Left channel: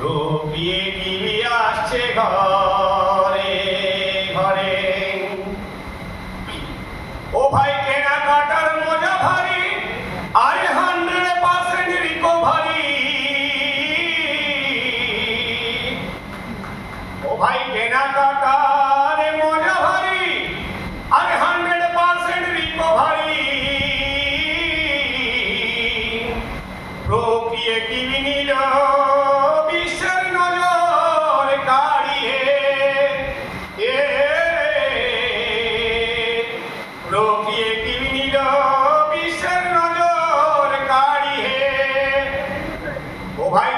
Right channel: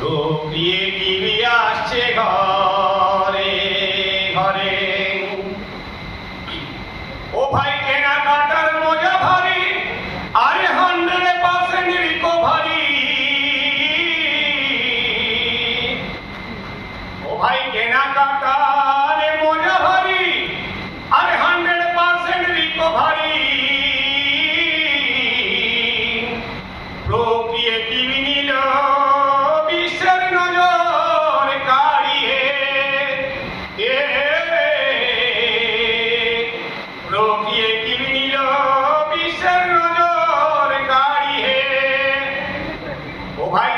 ঢুকিয়ে টিভি আসছে ঘরে।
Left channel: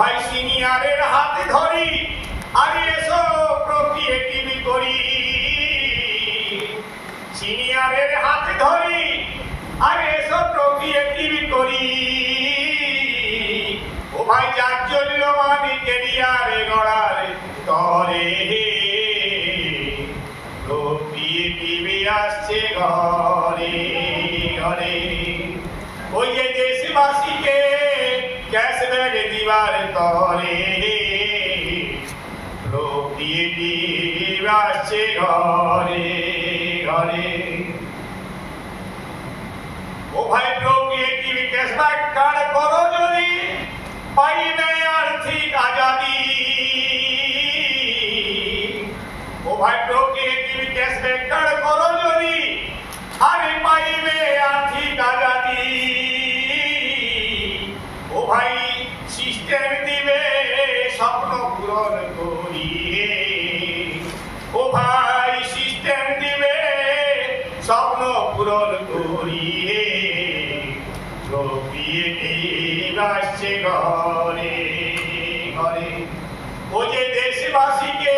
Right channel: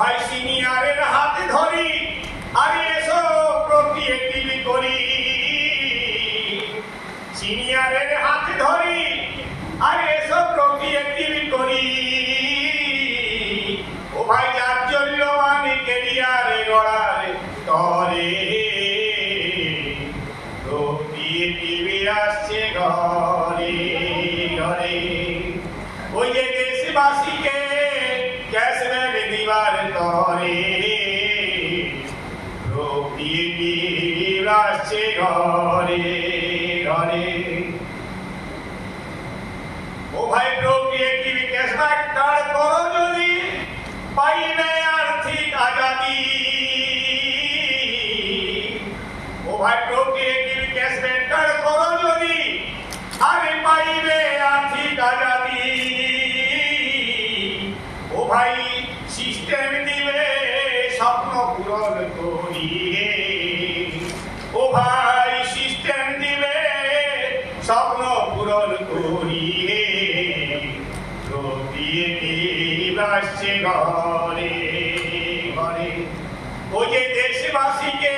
ভাই সিনিয়রের হাতে ধরি, আর এসো প্রক্রিয়েটিভ করি সিনিয়রের হাতে ধরি, আর এসো প্রক্রিয়েটিভ করি ও ভাই জাজ্জল্যমান কেরিয়ারে গড়ার তরে। প্রক্রিয়েটিভ আসছে ঘরে। দিবার রোগী ঘরে ঘরে সিস্টেম স্বপ্ন পূরণ করিয়ে। ও ভাই, সিস্টেম দিবে স্বপ্ন পূরণ করিয়ে। প্রক্রিয়েটিভ আসছে ঘরে ঘরে। ও যে দেশবাসীকে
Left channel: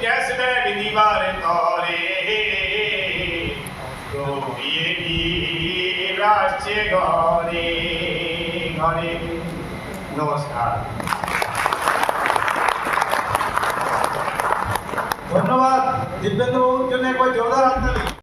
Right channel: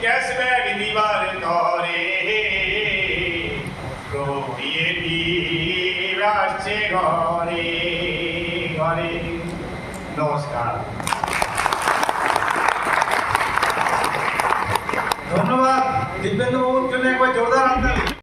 ক্যাশব্যাক দিবার তরে প্রক্রিয়েটিভ আসছে ঘরে ঘরে। নমস্কার ধন্যবাদ দিব্যেন্দু বাবুর জন্য একবার জোরদার হাত